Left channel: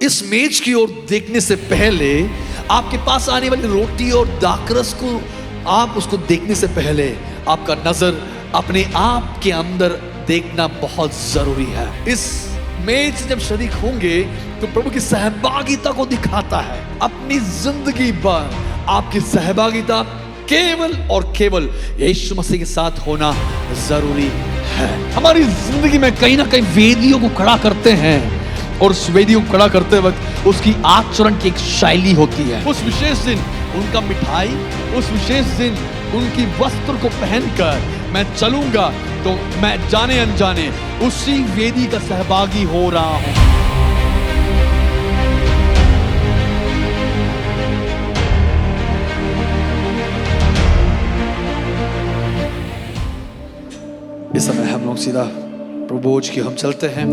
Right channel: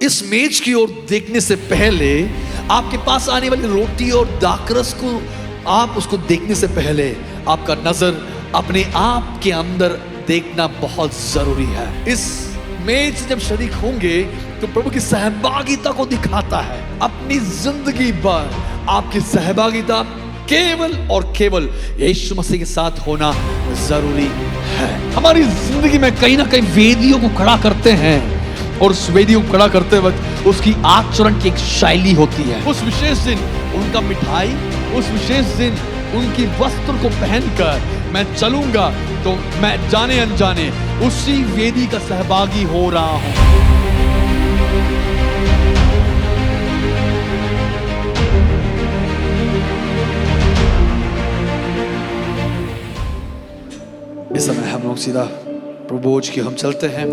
इस मेज की ओर देखने से पहले, आपके पास आने वाली रोटी और दाखरस को आप उसको देखने से पहले आपका नजर अपने आप के अंदर देखना बहुत जरूरी है। इस मेज से जब शरीक होंगे तो प्रभु की सहभागिता को दिखाता है। अपनी जिंदगी भर आपकी सहभागिता केवल और केवल यीशु मसीह के साथ होना जरूरी है। हमारी जिंदगी में कहीं ना कहीं वेदियों को खड़ा करते हैं और उस वेदियों को खड़ा करते वक्त उसकी आचरण की एक शैली होती है। उस विशेष दिन उनका मिठाई, उस विशेष दिन उनकी वस्त्र को पहनकर मैं चलूंगा तो मैं जाने अनजाने उसी वेदी का सहभागी हो रहा हूं। इस समय हम लोग सीधा प्रभु की हम चलते हैं।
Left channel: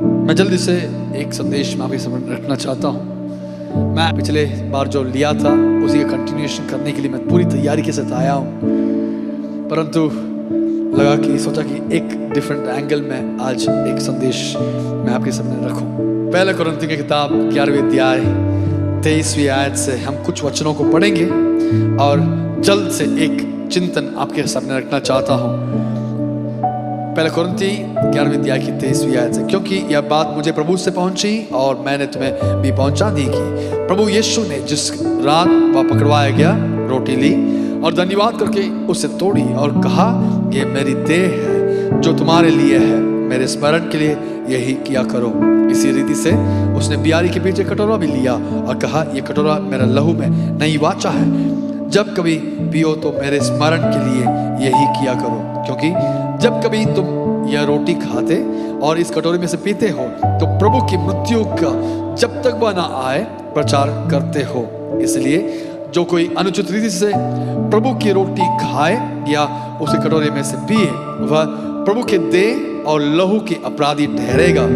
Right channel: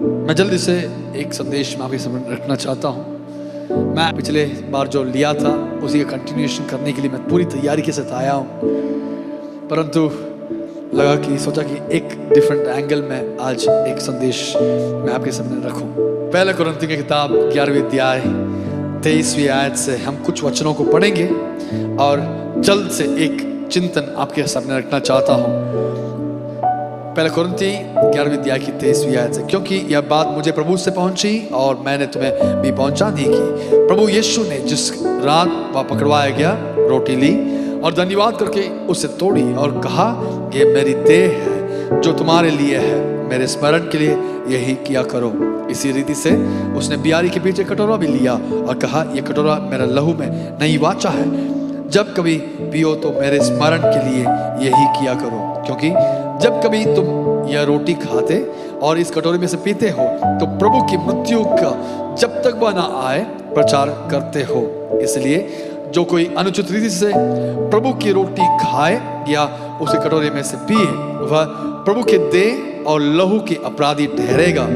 मैं जल्दी से एक संदेश में आपके सामने रखना चाहता हूं। मैं पिछले बार जो लिया था उसी का कंटिन्यूएशन करने के लिए मैं पूरी तैयारी के साथ आया हूं, परंतु सोचा कि एक डिफरेंट एंगल में आज एक संदेश मैं आपके सामने रखूं। पहले कुरिन्थियों की किताब 11वें अध्याय 23वीं आयत से हम कुछ वचनों को पढ़ेंगे और जल्द से एक चिंतन आपके सामने रखना चाहता हूं। पहले कुरिन्थी 11वें अध्याय की 23वीं आयत से, क्योंकि यह बात मुझे प्रभु से पहुंची और मैंने तुम्हें भी पहुंचा दी कि प्रभु यीशु ने जिस रात वह पकड़वाया गया रोटी ली और धन्यवाद करके उसे तोड़ी और कहा, ये मेरी देह है जो तुम्हारे लिए है, मेरे स्मरण के लिए यही किया करो। इसी रीति से उसने बियारी के पीछे कटोरा भी लिया और कहा, यह कटोरा मेरा लहू में नई वाचा है, जब कभी पियो तो मेरे स्मरण के लिए यही किया करो। क्योंकि जब कभी तुम यह रोटी खाते और इस कटोरे में से पीते हो तो प्रभु की मृत्यु का जब तक वह ना आए प्रचार करते हो। इसलिए जो कोई अनुचित रीति से प्रभु की रोटी खाए या उसे कटोरे में से पिए वह प्रभु के देह और लहू के अपराधी ठहरेगा।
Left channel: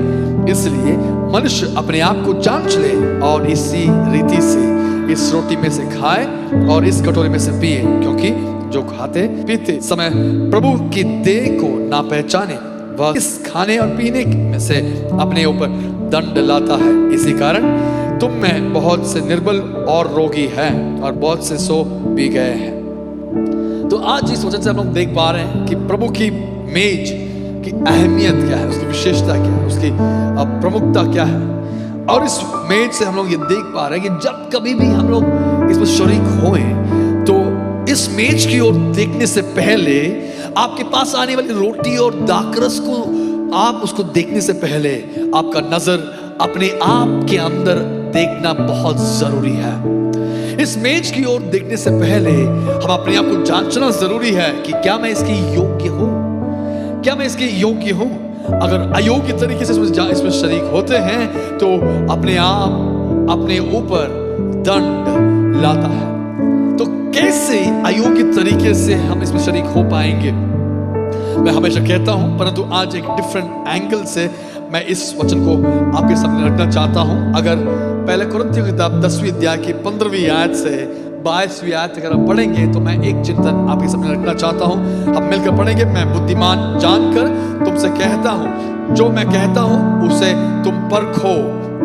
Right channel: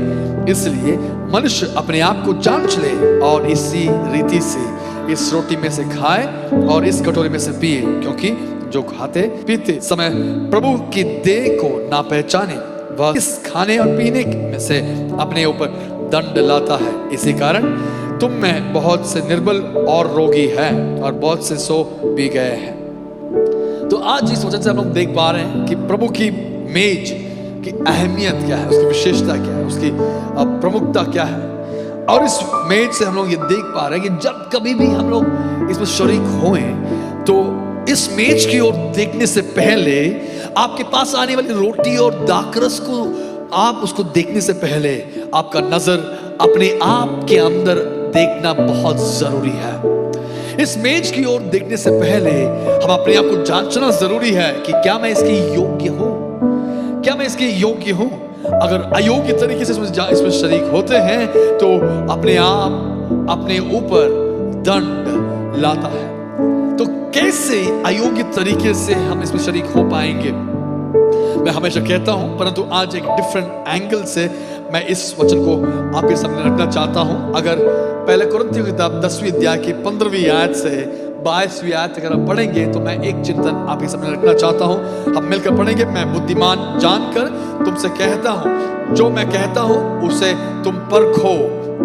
इसलिए मनुष्य अपने आप को जांच ले और इसी रीति से इस रोटी में से खाए और इस कटोरे में से पिए, क्योंकि जो खाते पीते समय प्रभु की देह को ना पहचाने वह इस खाने और पीने में से अपने ऊपर दंड लाता है। इसी कारण तुम में बहुत से निर्बल और रोगी हैं और बहुत से सो भी गए हैं। तो आज इस वचन से हम लोग देख पा रहे हैं कि प्रभु की मेज की अहमियत क्या है, उसकी विशेषता क्या है, उसकी प्रमुखता क्या है। और इस मेज से हम लोग ये देख पा रहे हैं कि जब कभी भी हम लोग इसमें शरीक होए तो इस मेज की ओर देखने से पहले आपके पास आने वाली रोटी और दाखरस को आप उसको देखने से पहले आपका नजर अपने आप के अंदर देखना बहुत जरूरी है। इस मेज की ओर देखने से पहले हम अपने आप को जांचना जरूरी है कि क्या मैं इसके योग्य हूं, क्या मैं इसके योग्य हूं। अगर अयोग्य तरीके से इसमें शरीक होते हैं तो अपने आप अपने ऊपर दंड लाता है। तो कैसे अयोग्य तरीके से हम इसमें शरीक हो पाएंगे, मैं हमेशा कहता हूं, परंतु आज एक डिफरेंट एंगल से मैं इस वचन को आपके सामने रखना चाहता हूं। अगर पहले कुरिन्थियों की किताब 10वीं अध्याय की 15वीं आयत से 22वीं आयत अगर हम पढ़ेंगे तो मैं एक चिंतन आपके सामने रखना चाहता हूं। हम मिलकर पढ़ेंगे। मैं बुद्धिमान जानकर तुमसे कहता हूं, जो मैं कहता हूं उसे तुम परखो।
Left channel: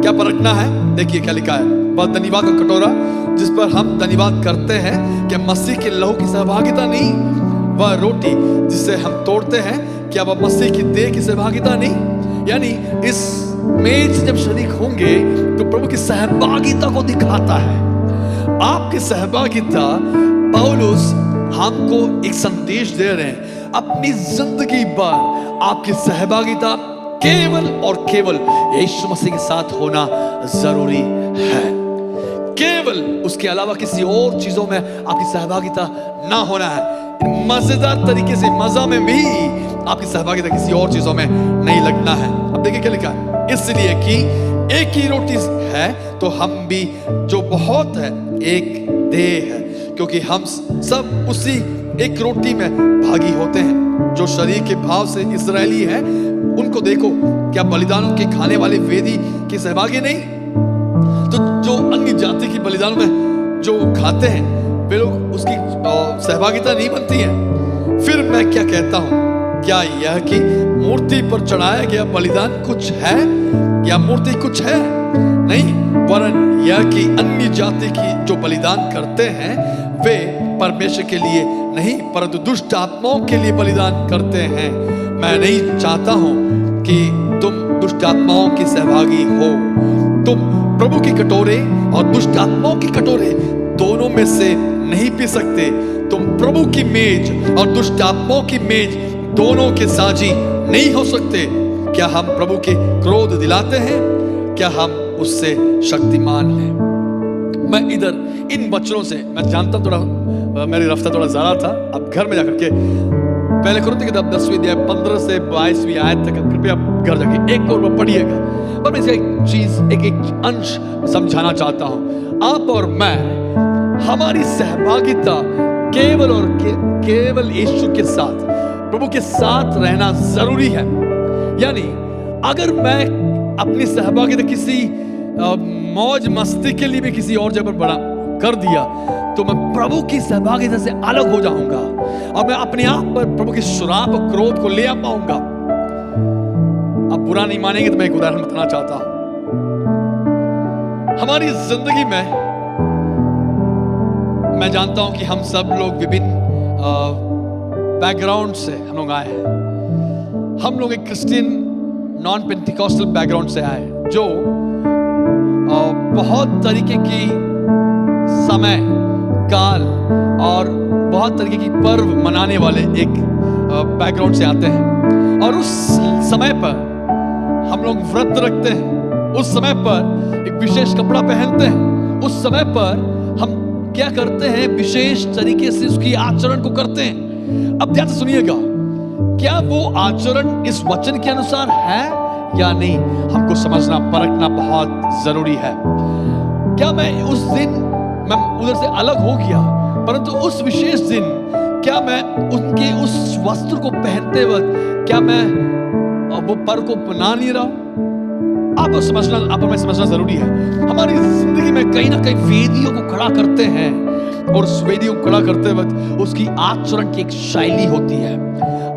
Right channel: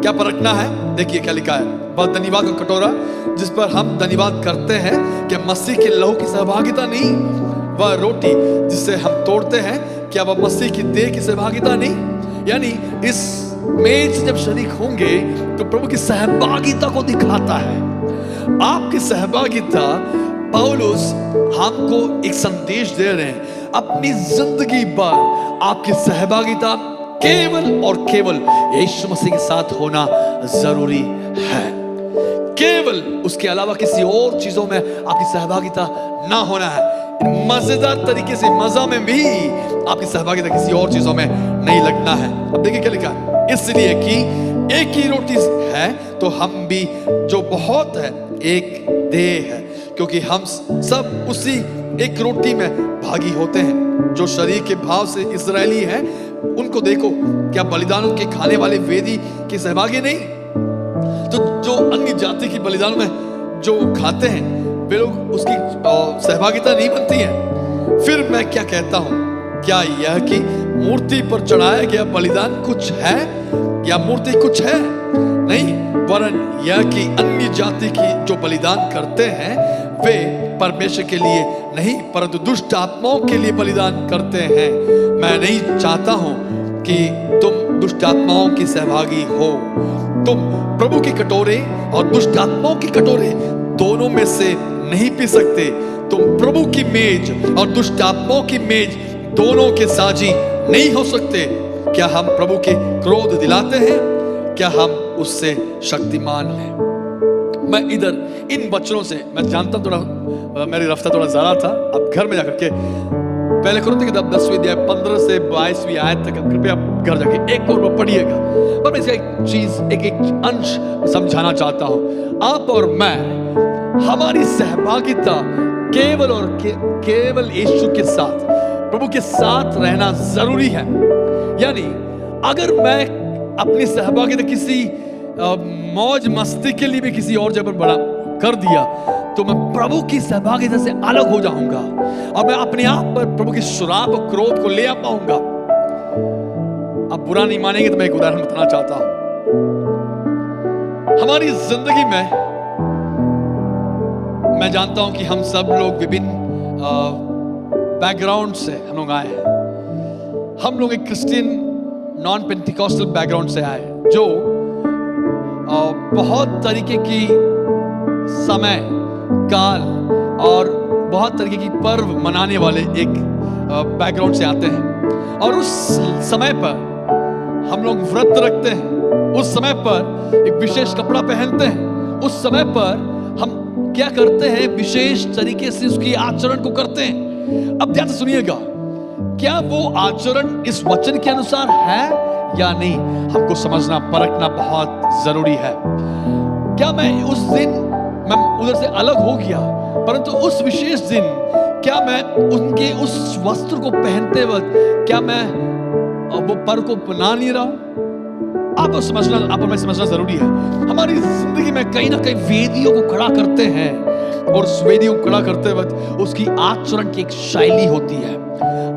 क्या परखना है? देखिए क्या लिखा है। वह धन्यवाद का कटोरा जिस पर हम धन्यवाद करते हैं, क्या मसीह के लहू की सहभागिता नहीं? वह रोटी जिसे हम तोड़ते हैं, क्या वह मसीह की देह की सहभागिता नहीं? यानी इस मेज से जब शरीक होंगे तो प्रभु की सहभागिता को दिखाता है। आपकी सहभागिता, पौलुस हमको एक संदेश दे रहे हैं, अपनी जिंदगी भर आपकी सहभागिता केवल और केवल यीशु मसीह के साथ होना जरूरी है। केवल उसके अलावा किसी और चीजों में आपकी सहभागिता ना होना है। मजेदार तरीके से मजा में भी आपकी सहभागिता किसी और चीजों में नहीं लगना है। अब देखिए क्या लिखा है। इसलिए कि एक ही रोटी है तो हम भी जो बहुत है एक देह है, क्योंकि हम सब उसी एक रोटी में भागी होते हैं। जो शरीर के भाव से इस्राएली हैं उनको देखो, क्या बलिदानों के खाने वाले वेदी के सहभागी नहीं? तो जो अन्य जाति की बलिदानों में जो खाते हैं वे लोग उसकी सहभागिता नहीं बनती है। फिर मैं क्या कहता हूं, क्या यह कि मूर्ति पर चढ़ाया गया बलिदान कुछ है? या मूर्ति कुछ है नहीं, वरन यह कि अन्य जाति की जो बलिदान करते हैं वे परमेश्वर के लिए नहीं परंतु दुष्ट आत्माओं के लिए बलिदान करते हैं। मैं नहीं चाहता हूं कि तुम दुष्ट आत्माओं की सहभागी हो। तुम प्रभु की कटोरे और दुष्ट आत्माओं की कटोरे दोनों में से नहीं पी सकते। तुम प्रभु की मेज और दुष्ट आत्माओं की मेज दोनों के साझी नहीं हो सकते। क्या हम प्रभु के क्रोध दिलाते हैं? क्या हम उससे शक्तिमान हैं? मैं इधर इन वचनों से, मैं जानता थोड़ा मेरी रफ्तार थोड़ा ज्यादा था, अब घर में जाकर के पहले कुरिन्थियों की किताब 10वीं अध्याय 15 से 22वीं आयत तक कृपया घर जाके एक और पढ़िएगा। पर मैं इसका एक चीज, एक अंश समझाना चाहता हूं। आप और मैं, हमारी सहभागिता केवल और केवल यीशु के साथ, प्रभु के साथ रहना जरूरी है। यानी अगर मैं अपनी सहभागिता किसी मौज मस्ती के लिए भी किसी और जगह पर बड़ा कर दिया तो मैं प्रभु की सहभागिता से अलग हो जाऊंगा और मैं अपने आप पर प्रभु के श्राप और क्रोध को ले आ पाऊंगा। अब बुरा नहीं मानेंगे तो मैं एक उदाहरण बताना चाहता हूं। हमारी जिंदगी में मैं जानता हूं कि हम सब लोग विभिन्न बैकग्राउंड से हम लोग आए हैं। हम लोग एक क्रिश्चियन नॉन पेंटिकॉस्टल बैकग्राउंड से आए जो बहुत तरीके की समय काल और बहुत तरीके की पर्व मनाने वाले एक बैकग्राउंड से आते हैं। और उस समय पर हम लोग व्रत रखते हैं, उस समय पर एक विशेष कपड़ा पहनते हैं, उस समय पर हम क्या करते हैं, विशेष तरीके से उसकी आचरण को करते हैं। अब ध्यान से सुनिएगा, क्या वो आचरण इस वचन के अनुसार है या नहीं, हमको समझना परखना बहुत जरूरी है। क्या मैं उस दिन, मैं उधर से अलग हो गया, परंतु उस विशेष दिन क्या मैं उनके उस वस्त्र को पहनते वक्त क्या मैं वो पर्व को बना नहीं रहा हूं? आप समझना, आप मैं समझना जरूरी है। हमारी जिंदगी में कहीं ना कहीं वेदियों को खड़ा करते हैं और उस वेदियों को खड़ा करते वक्त उसकी आचरण की एक शैली होती है,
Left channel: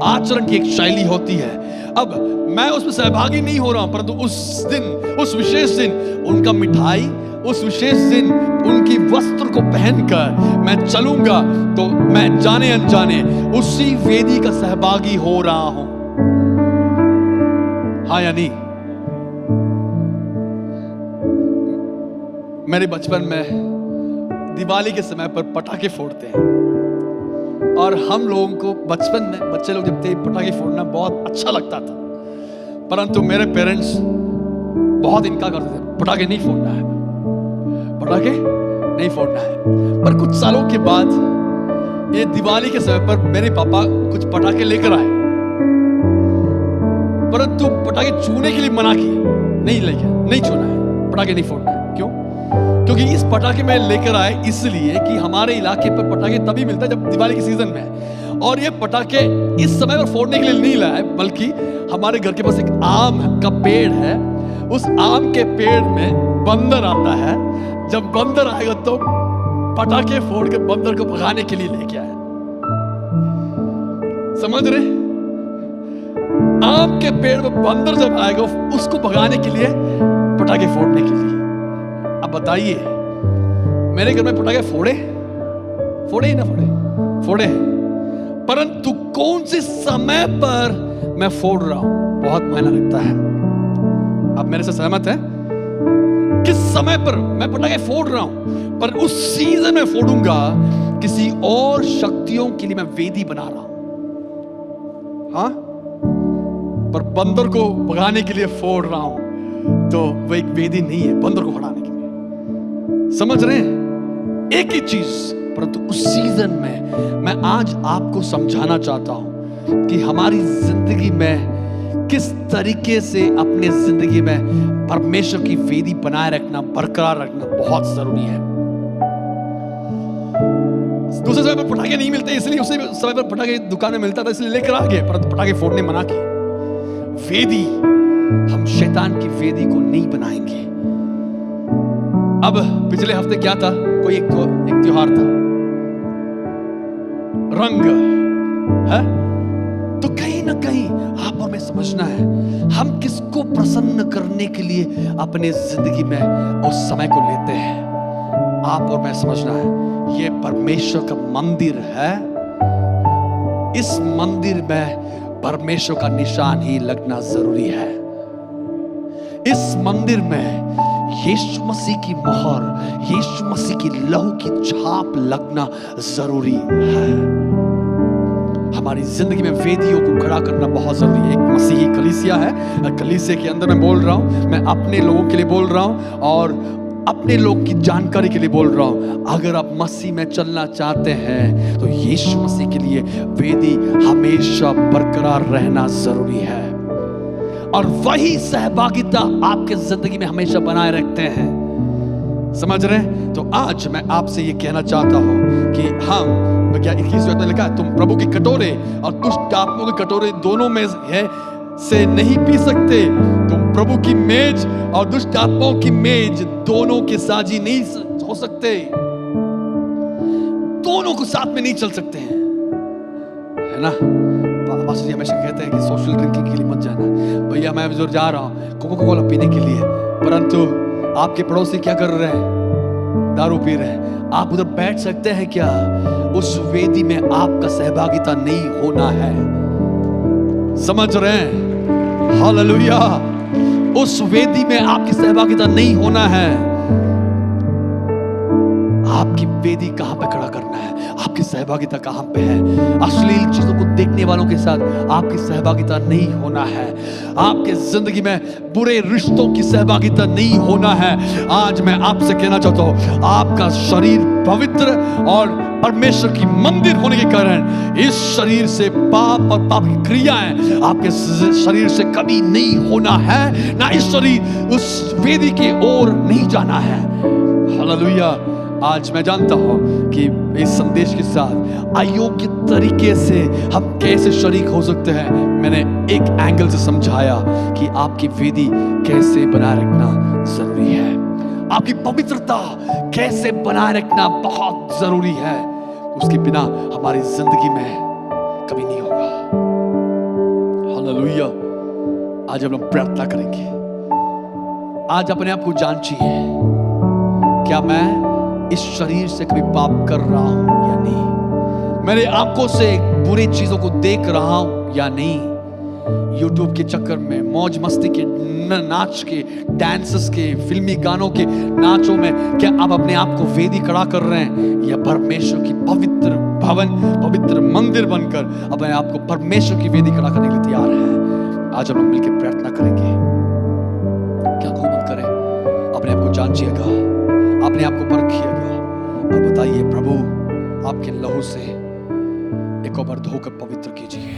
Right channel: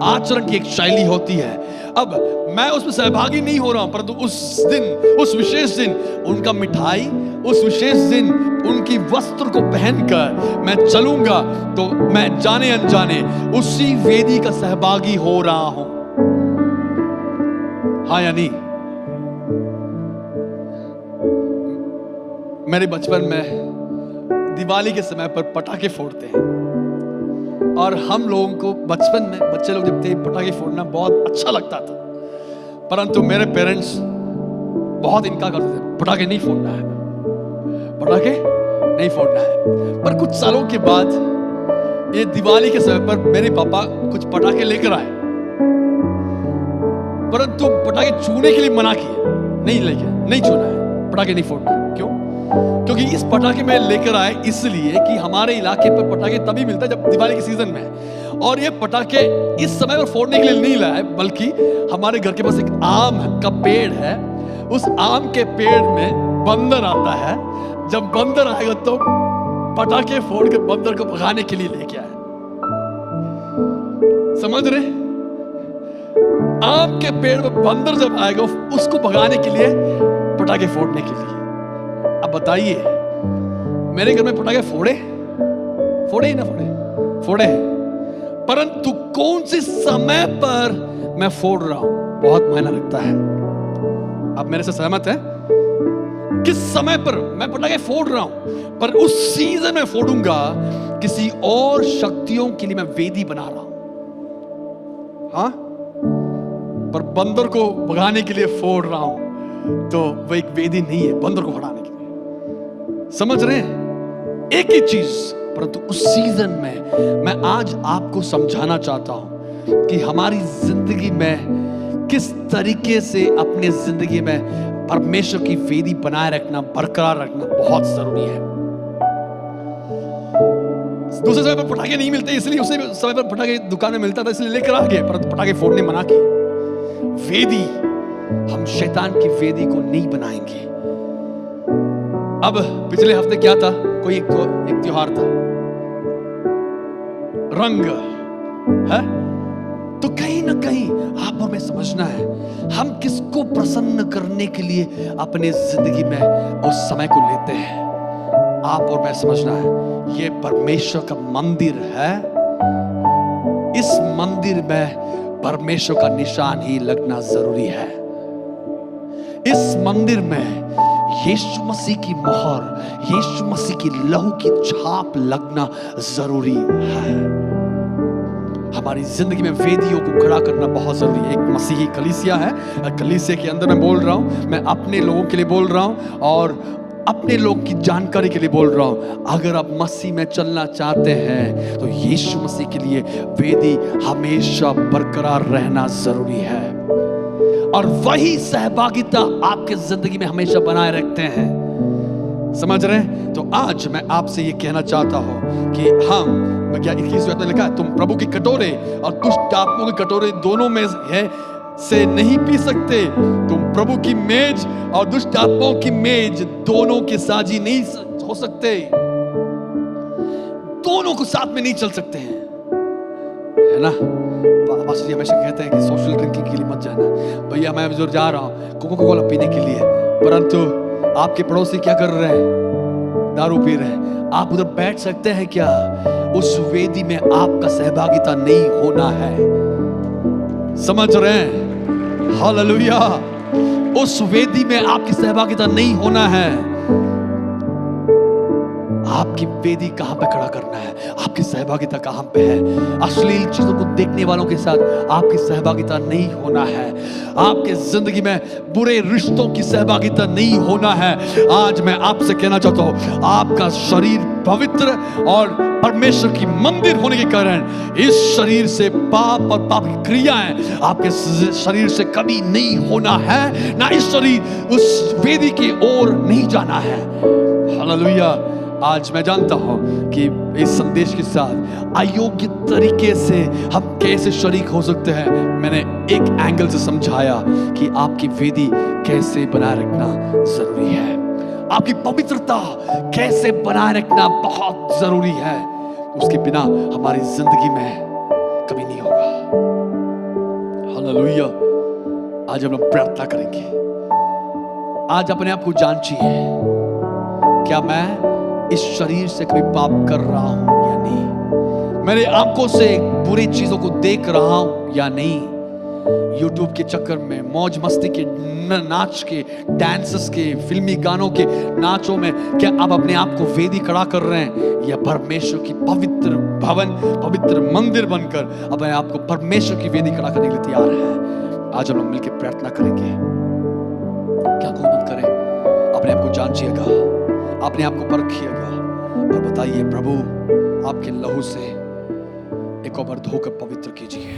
आचरण की एक शैली होती है। अब मैं उसमें सहभागी नहीं हो रहा हूं, परंतु उस दिन, उस विशेष दिन उनका मिठाई, उस विशेष दिन उनकी वस्त्र को पहनकर मैं चलूंगा तो मैं जाने अनजाने उसी वेदी का सहभागी हो रहा हूं। हाँ या नहीं? मेरे बचपन में दिवाली के समय पर पटाखे फोड़ते हैं और हम लोगों को बचपन में, बच्चे लोग जब थे, पटाखे फोड़ना बहुत अच्छा लगता था। परंतु मेरे पेरेंट्स बहुत इनकार करते थे, पटाखे नहीं फोड़ना है, पटाखे नहीं फोड़ना है। पर कुछ सालों के बाद ये दिवाली के समय पर मेरे पापा कुछ पटाखे लेकर आए, परंतु पटाखे छूने के लिए मना किए, नहीं लेके, नहीं छूना है, पटाखे नहीं फोड़ना है। क्यों? क्योंकि इस पटाखे में लेकर आए इसलिए कि हमारे इलाके पर पटाखे तभी मिलता है जब दिवाली के सीजन में, और ये पटाखे इस समय पर फोड़ने के लिए नहीं लाए, बल्कि हमारे घर के पास एक आम का पेड़ है, उस आम के पेड़ में बंदर आता है। जब बंदर आएगा तो पटाखे फोड़ के बंदर को भगाने के लिए लेके आए। समझ रहे? आम के पेड़ में बंदर जब आएगा उसको भगाने के लिए, पटाखे फोड़ने के लिए। अब बताइए, मेरे घर में पटाखे फोड़े ही ना फोड़े, परंतु कौन से समय पर मैं फोड़ रहा हूं बहुत मायना रखता है। आप मेरे से सहमत हैं? किस समय पर मैं पटाखे फोड़ रहा हूं, पर उस सीजन में फोड़ूंगा, किसी और शक्तियों के लिए मैं वेदी बना रहा हूं। हाँ, पर बंदर को भगाने के लिए फोड़ रहा हूं तो वह एक वेदी नहीं है, बंदर को भगाने के लिए। समझ रहे हैं? एक ही चीज, परंतु उस सीजन में मैं आज आपको समझाना चाहता हूं कि हमारी जिंदगी में किस तरीके से अपने जिंदगी में परमेश्वर की वेदी बनाए रखना, बरकरार रखना बहुत जरूरी है। दूसरे समय पर पटाखे नहीं मिलते, इसलिए उसी समय पर पटाखे दुकान में मिलता था, इसलिए लेकर आ गए, परंतु पटाखे फोड़ने मना किए। वेदी, हम शैतान की वेदी को नहीं बनाएंगे। अब पिछले हफ्ते क्या था? कोई एक त्योहार था, रंग है, तो कहीं ना कहीं आप और मैं समझना है, हम किसको प्रसन्न करने के लिए अपने जिंदगी में उस समय को लेते हैं। आप और मैं समझना है, ये परमेश्वर का मंदिर है। इस मंदिर में परमेश्वर का निशान ही लगना जरूरी है। इस मंदिर में यीशु मसीह की मोहर, यीशु मसीह की लहू की छाप लगना जरूरी है। हमारी जिंदगी में वेदियों को खड़ा करना बहुत जरूरी है। एक मसीही कलीसिया है, कलीसिया के अंदर मैं बोल रहा हूं, मैं अपने लोगों के लिए बोल रहा हूं और अपने लोग की जानकारी के लिए बोल रहा हूं। अगर आप मसीह में चलना चाहते हैं तो यीशु मसीह के लिए वेदी हमेशा बरकरार रहना जरूरी है, और वही सहभागिता आपके जिंदगी में हमेशा बनाए रखते हैं। समझ रहे हैं? तो आज मैं आपसे ये कहना चाहता हूं कि हम क्या 21 में लिखा है, तुम प्रभु के कटोरे और दुष्ट आत्माओं के कटोरे दोनों में है से नहीं पी सकते। तुम प्रभु की मेज और दुष्ट आत्माओं की मेज दोनों के साझी नहीं हो सकते। दोनों को साथ में नहीं चल सकते हैं, है ना? पास्टर जी हमेशा कहते हैं कि सोशल ड्रिंकिंग के लिए मत जाना। भैया मैं जो जा रहा हूं कोका कोला पीने के लिए, परंतु आपके पड़ोसी क्या कर रहे हैं? दारू पी रहे हैं। आप उधर बैठ सकते हैं क्या? उस वेदी में आपका सहभागिता नहीं होना है। समझ रहे हैं? हालेलुया। उस वेदी में आपकी सहभागिता नहीं होना है। आपकी वेदी कहां पे खड़ा करना है? आपकी सहभागिता कहां पे है? अश्लील चीजों को देखने वालों के साथ आपकी सहभागिता नहीं होना है। आपके जिंदगी में बुरे रिश्तों की सहभागिता नहीं होना है। आज मैं आपसे कहना चाहता हूं, आपका शरीर पवित्र और परमेश्वर की मंदिर होने के कारण इस शरीर से पाप और पाप की क्रियाएं आपके शरीर से कभी नहीं होना है, ना इस शरीर उस वेदी की ओर नहीं जाना है। हालेलुया। आज मैं जानता हूं कि इस संदेश के साथ अयोग्य तरीके से हम कैसे शरीक हो सकते हैं। मैंने एक एंगल से समझाया कि आपकी वेदी कैसे बनाए रखना जरूरी है, आपकी पवित्रता कैसे बनाए रखना बहुत जरूरी है। उसके बिना हमारी जिंदगी में कभी नहीं होगा। हालेलुया। आज हम लोग प्रार्थना करेंगे। आज अपने आप को जांचिए, क्या मैं इस शरीर से कभी पाप कर रहा हूं या नहीं? मेरे आंखों से बुरी चीजों को देख रहा हूं या नहीं? यूट्यूब के चक्कर में, मौज मस्ती के, नाच के, डांसेस के, फिल्मी गानों के नाचों में क्या आप अपने आप को वेदी खड़ा कर रहे हैं, या परमेश्वर की पवित्र भवन, पवित्र मंदिर बनकर अपने आप को परमेश्वर की वेदी खड़ा करने के लिए तैयार है? आज हम लोग मिलकर प्रार्थना करेंगे। क्या को मत करें, अपने आप को जांचिएगा, अपने आप को परखिएगा और बताइए, प्रभु आपके लहू से एक और बार धोकर पवित्र कीजिए।